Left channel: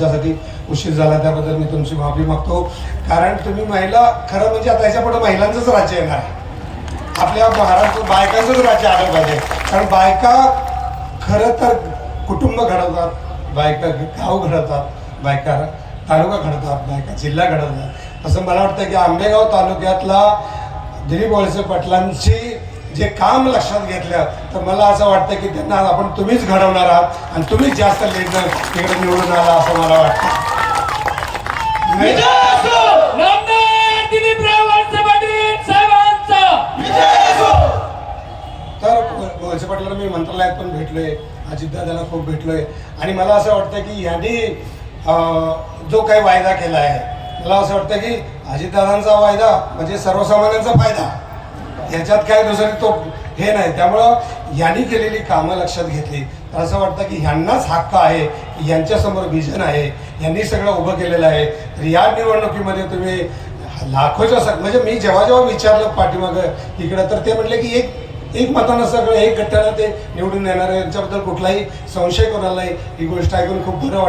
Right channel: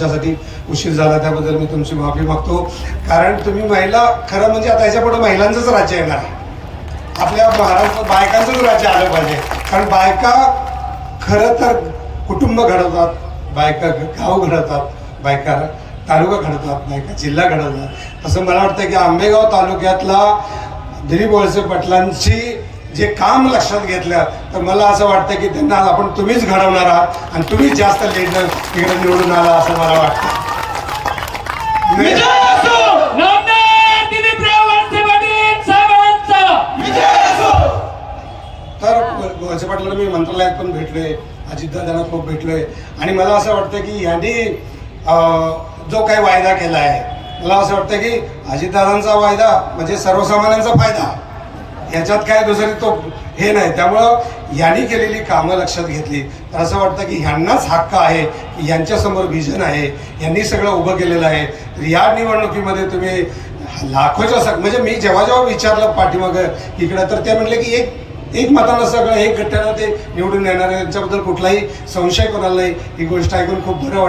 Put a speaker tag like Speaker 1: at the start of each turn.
Speaker 1: माझ्यासाठी उशीर झाला त्याबद्दल मी तुमची माफी मागतो. कारण तुम्ही महिला खरं म्हणजे आता याच्यापुढे महिलांचंच राज्य येणार आहे. आपल्या महाराष्ट्र बायकांचंच राज्य आलं पाहिजे. कारण बायका खरं तर कुटुंब घडवतात बायका गाव घडवतात बायका तालुका घडवतात बायका जिल्हा घडवतात. असं मला वाटतं की आंबेगाव तालुक्यातला दिलीप वळसे पाटलांची जे काम लक्षात घेतलं तर मला असं वाटतं की त्यांना आपण तुम्हीच घडवणार आहात आणि तुम्हीच जास्त लेट इकडे निवडून आला असं मला वाटतं. तर पाटलांना मी मंत्रालयात पण भेटलोय अजितदादांना खूप भेटलोय. आणि मला असं वाटतं की यांनी जो काही वायदा केला आहे मला असं वाटतं की अजितदादांचा वायदा म्हणजे सर्वसामान्यांचा फायदा. याच्यात काय दुसरं तो हे नाही. त्यामुळं यांनी केलेली कामं लक्षात घेतली. तर असं वाटतं की ह्यांनाच हक्क आहे की यांच्यासमोर व्हिजन आहे. यांनी सगळं उभं केलेलं आहे. तर या निवडणुकीमध्ये तुम्ही लाखोच्या सग म्हणजे मी जेव्हा जेव्हा विचारलं पाठीमागं इकडं तर ते म्हटले की एक एक मतानं सगळं एक गट्ट्याला ते निवडून येणार यांच्याबद्दल कुठलाही संशय कोणालाही. ही गोष्ट ऐकून खूप बरं वाटतं